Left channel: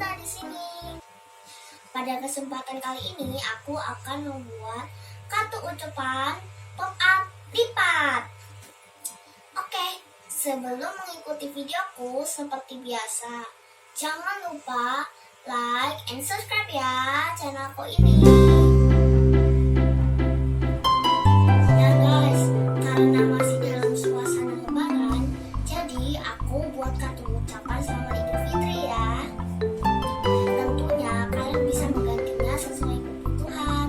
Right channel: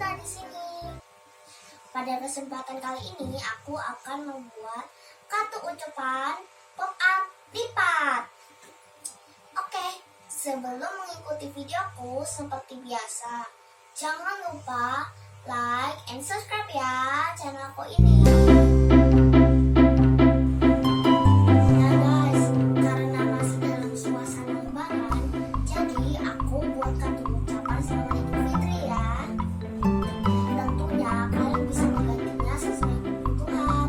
Cinta di sini. Pada kesempatan kali ini aku akan membuat kartu ucapan pop up lipat. Oke, sebelum mengikuti videoku seperti biasa, jangan lupa like and subscribe ya channelku ini. Nah guys, karena masih dalam suasana lebaran, jadi aku buat kartu ucapan selamat Idul Fitri ya. Tentunya kalian bisa menggantinya sesuai kebutuhan.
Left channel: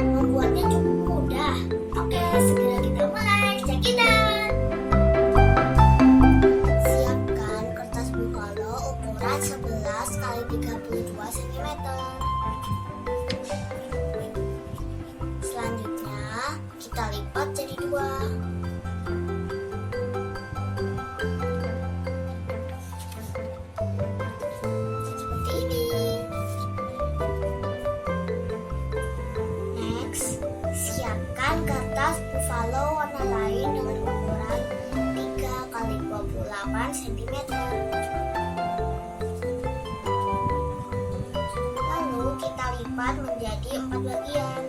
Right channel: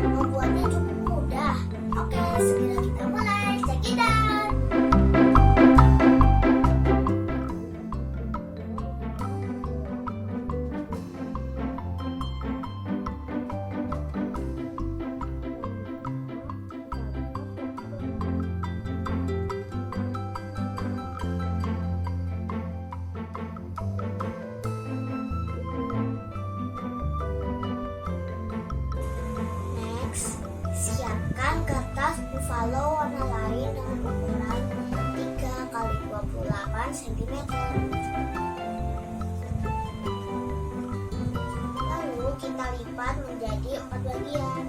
Membuatnya cukup mudah. Oke, segera kita mulai. Check it out. Siapkan kertas bungalo ukuran 11 x 32 cm. Selanjutnya kita lipat jadi 2. Siapkan kertas buffalo warna lain dengan ukuran 3 x 28 cm. Lalu kita lipat menjadi 4 bagian.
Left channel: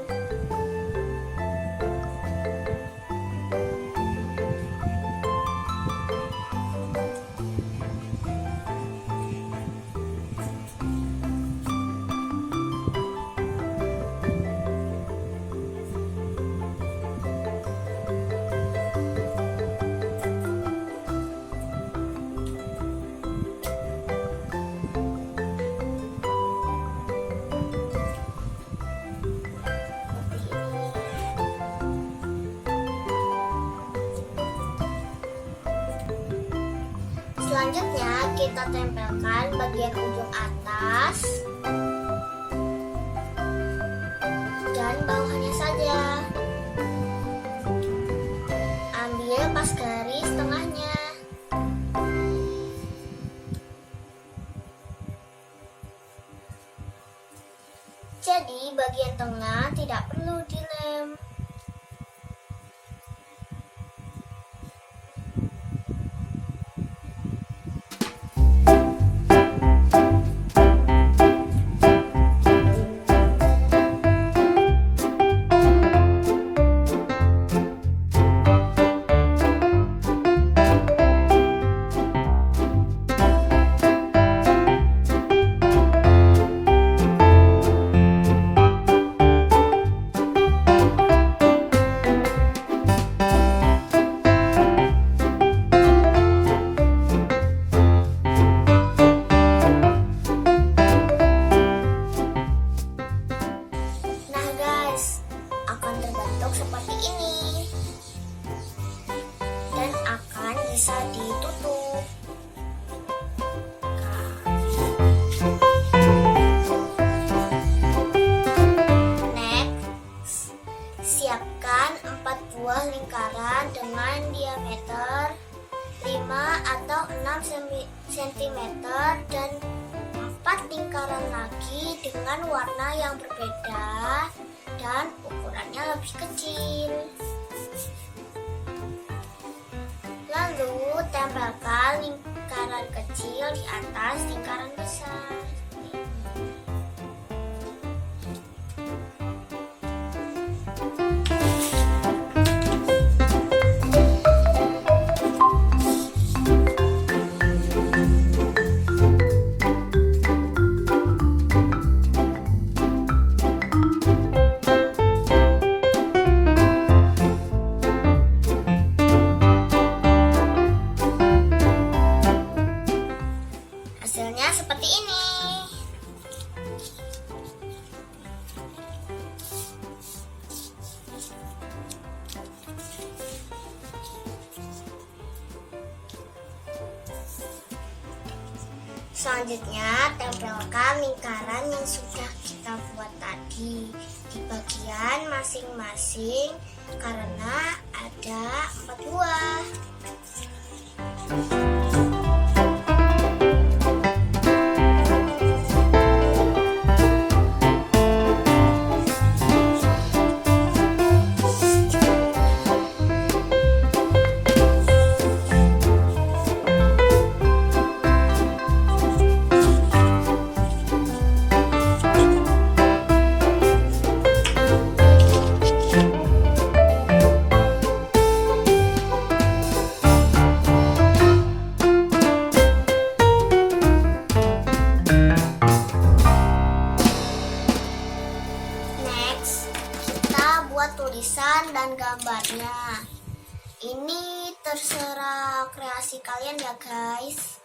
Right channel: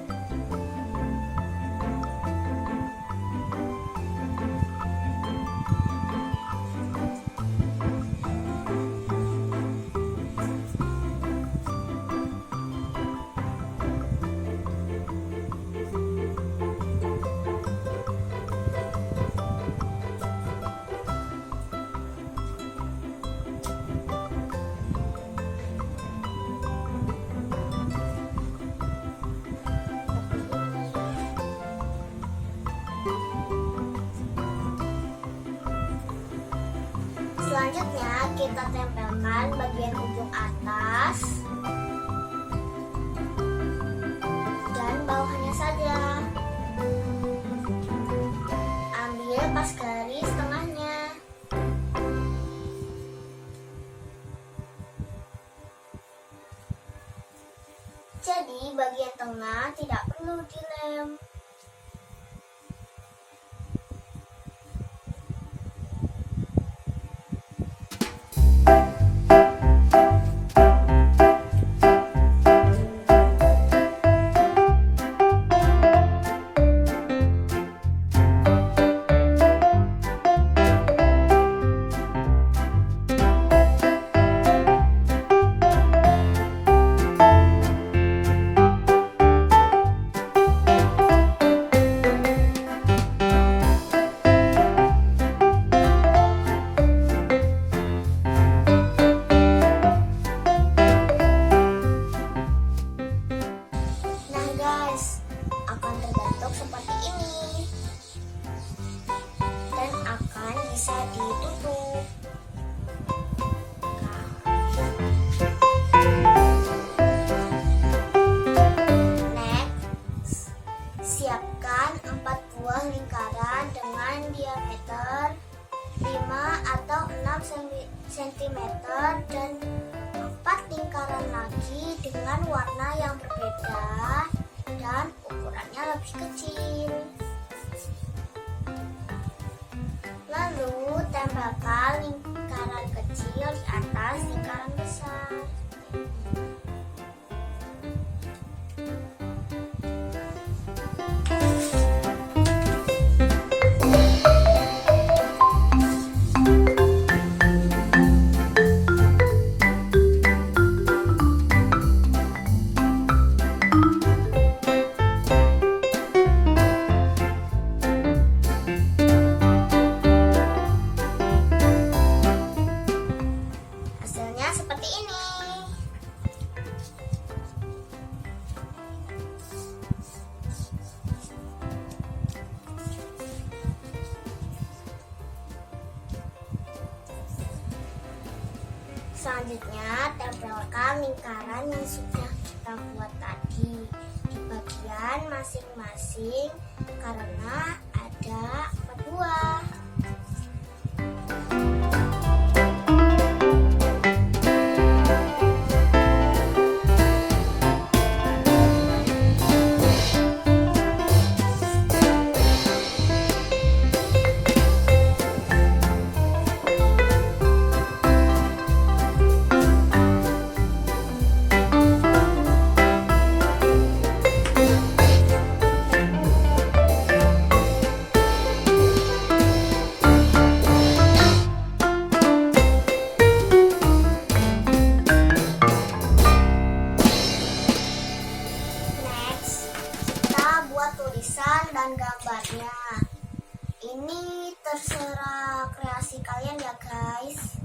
Selanjutnya kita tempelkan bagian ujung atas dan bawahnya saja. Ambil pas garis tengahnya. Jadi bagian tengah tidak perlu dilem. Akan terbentuk seperti ini dan akan bisa ditutup. Next, siapkan 4 buah lingkaran dengan diameter 5 atau 6 cm dan 4 lingkaran lagi dengan warna yang berbeda dan ukurannya lebih kecil. Lalu tempelkan lingkaran kecil di atas lingkaran besar. Hasilnya seperti ini. Selanjutnya tempelkan lingkaran yang sudah kita buat tadi di bagian masing-masing karena ada 4 buah. gambarnya. Ini terserah kreasi kalian ya guys.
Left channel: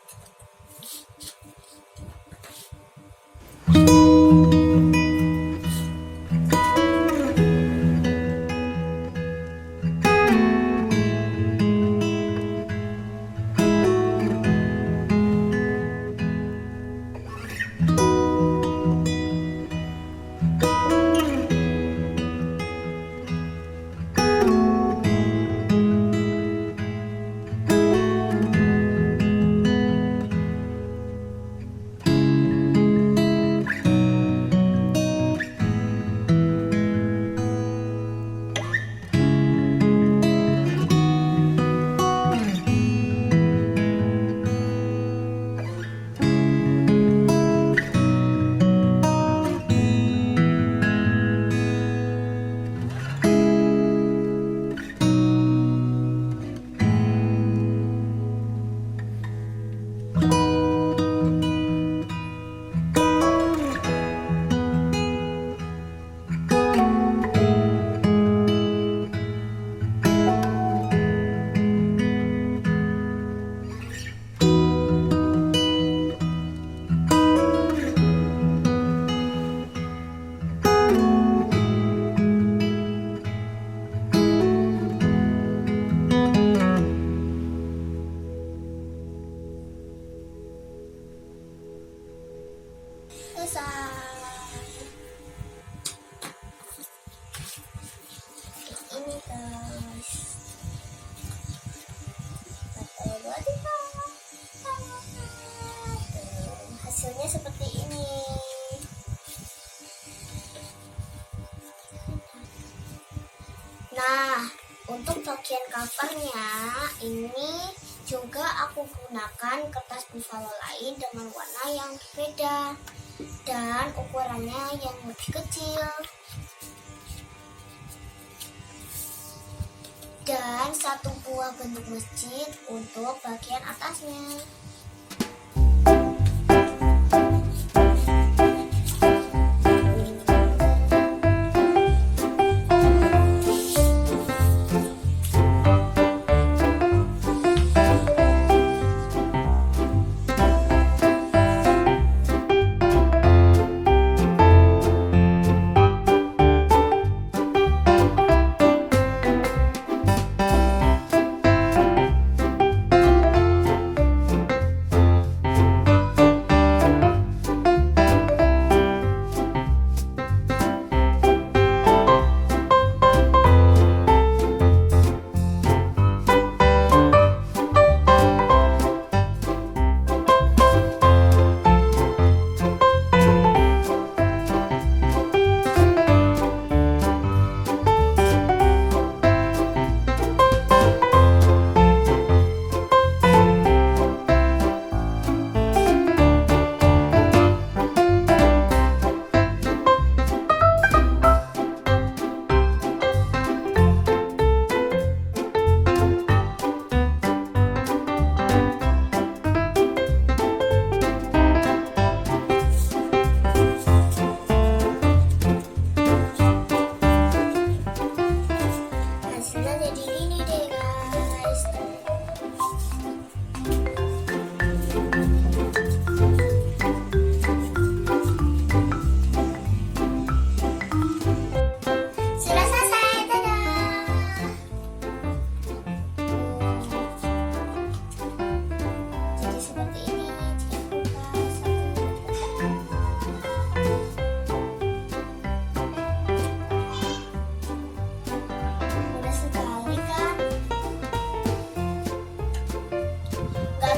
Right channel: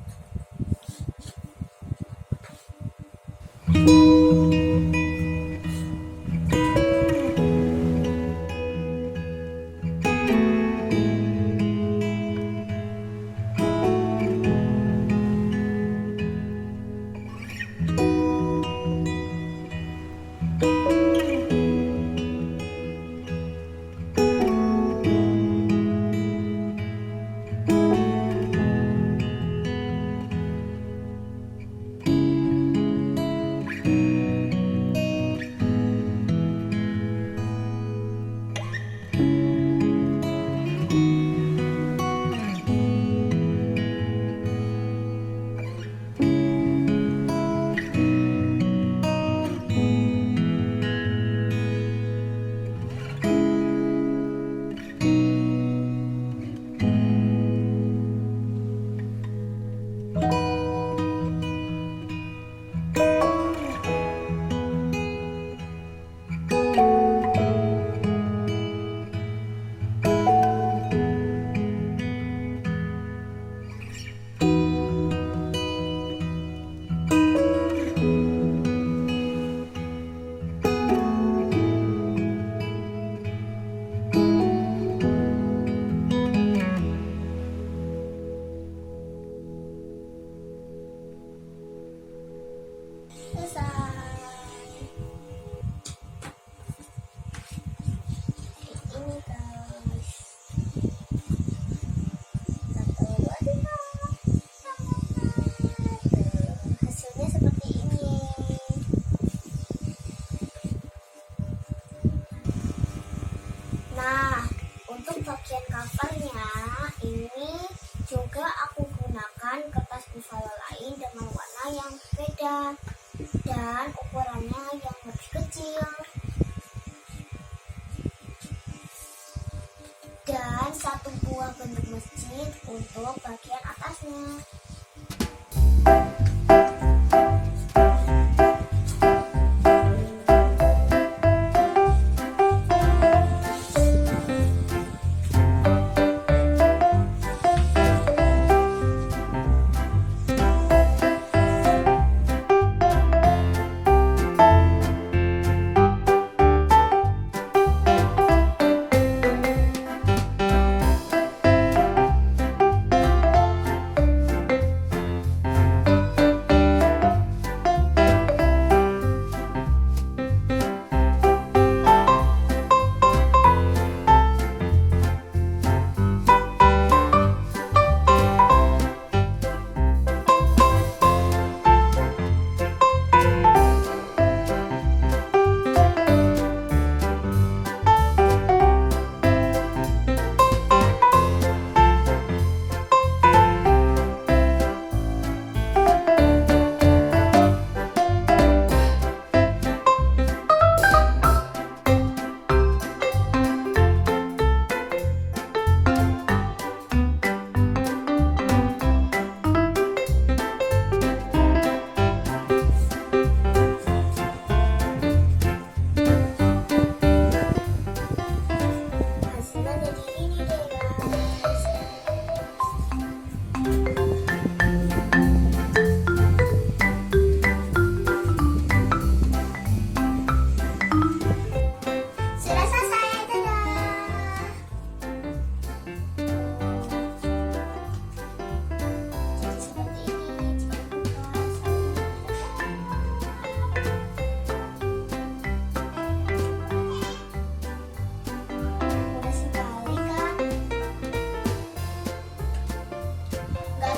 Selesai. Ini guys. 1, 2, 3. Hasilnya seperti ini. Nah, untuk bagian covernya ini juga aku gunakan kertas buffalo lain dengan warna yang berbeda dan ukurannya yang lebih kecil, dan 1 buah bentuk masjid untuk bagian atasnya.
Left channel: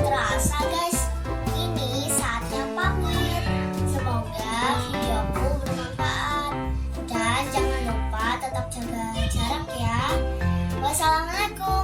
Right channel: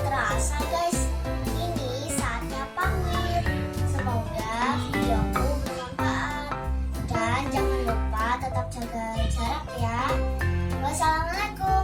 Terasa guys, ini saatnya pamit. Semoga videoku bermanfaat dan jangan lupa tetap jaga jarak ya. Wassalamualaikum.